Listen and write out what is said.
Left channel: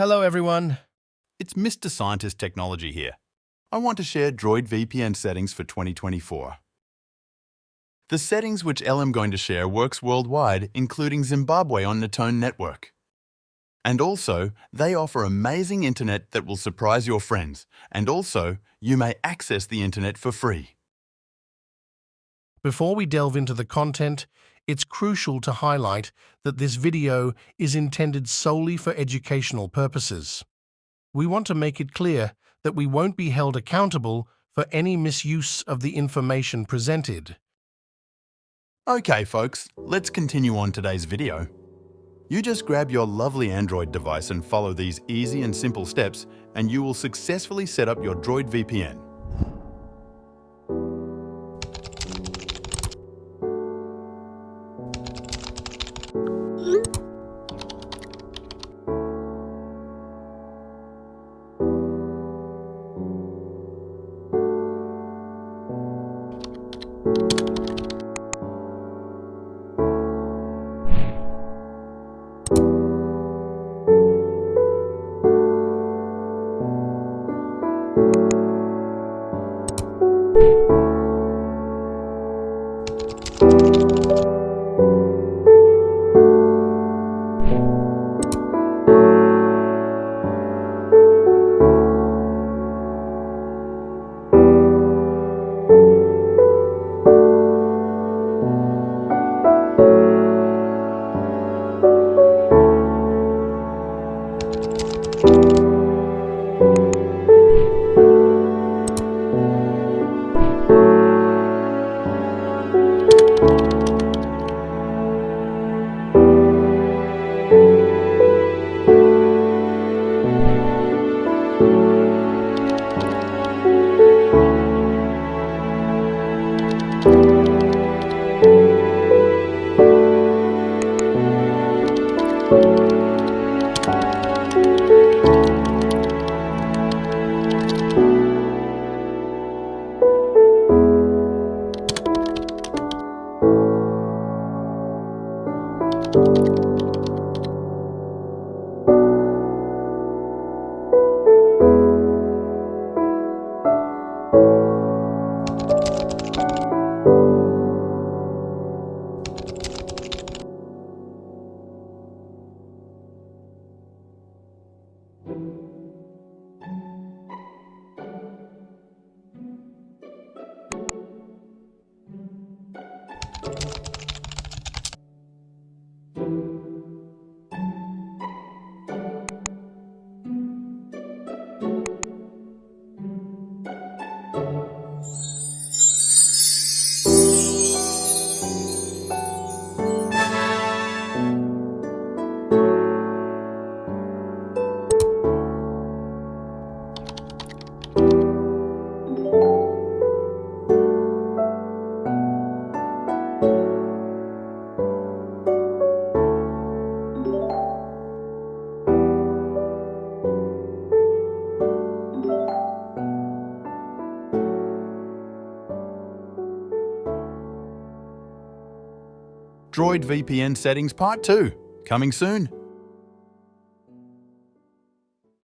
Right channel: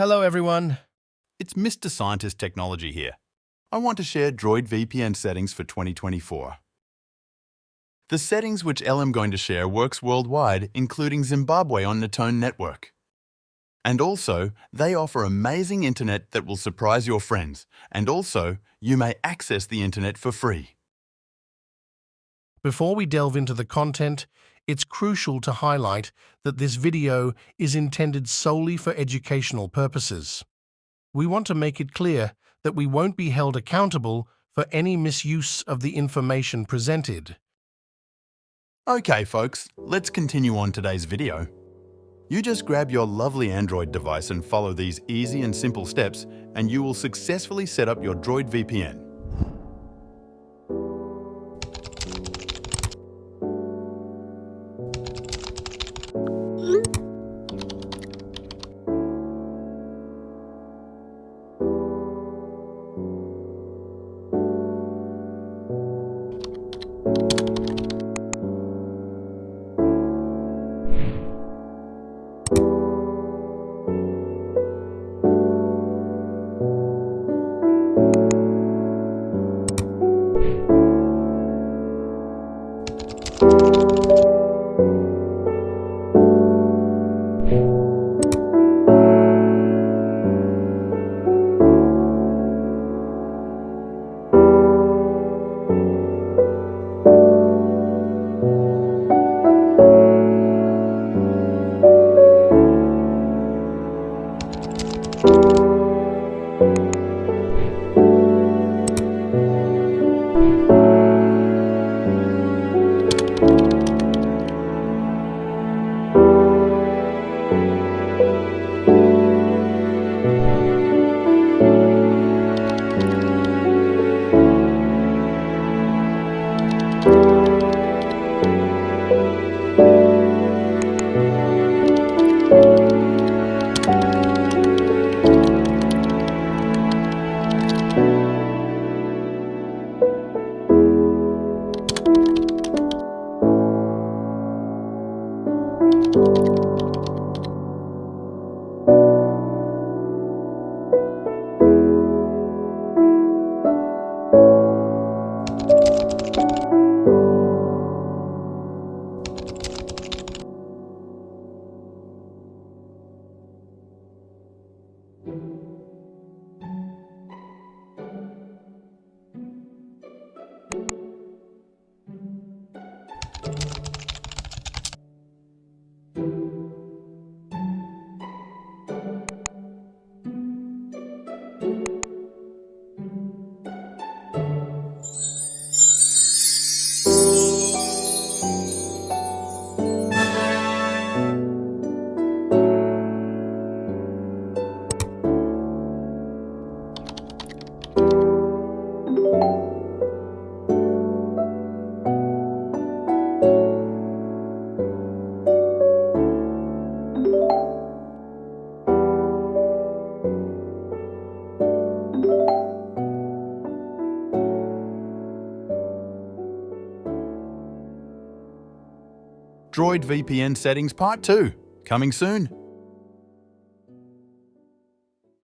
Hello everyone. It's Mr. Scientist Technology here. I want to share DroidVpn settings for 2024. The settings which I'm going to share works worldwide, including Zimbabwe on NetOne network. And also, they offer amazing internet that will surprise your friends, and also, you may access the internet for free. Before we delve into the content, it's crucial to highlight that this video is intended solely for educational purposes. We want to make it clear that we won't be held accountable for any misuse of the information presented. Okay folks, let's continue on today's video. You just grab your lovely Android device and follow these easy and simple steps, and you will successfully set up your DroidVpn. DroidVpn settings part 2, coming soon.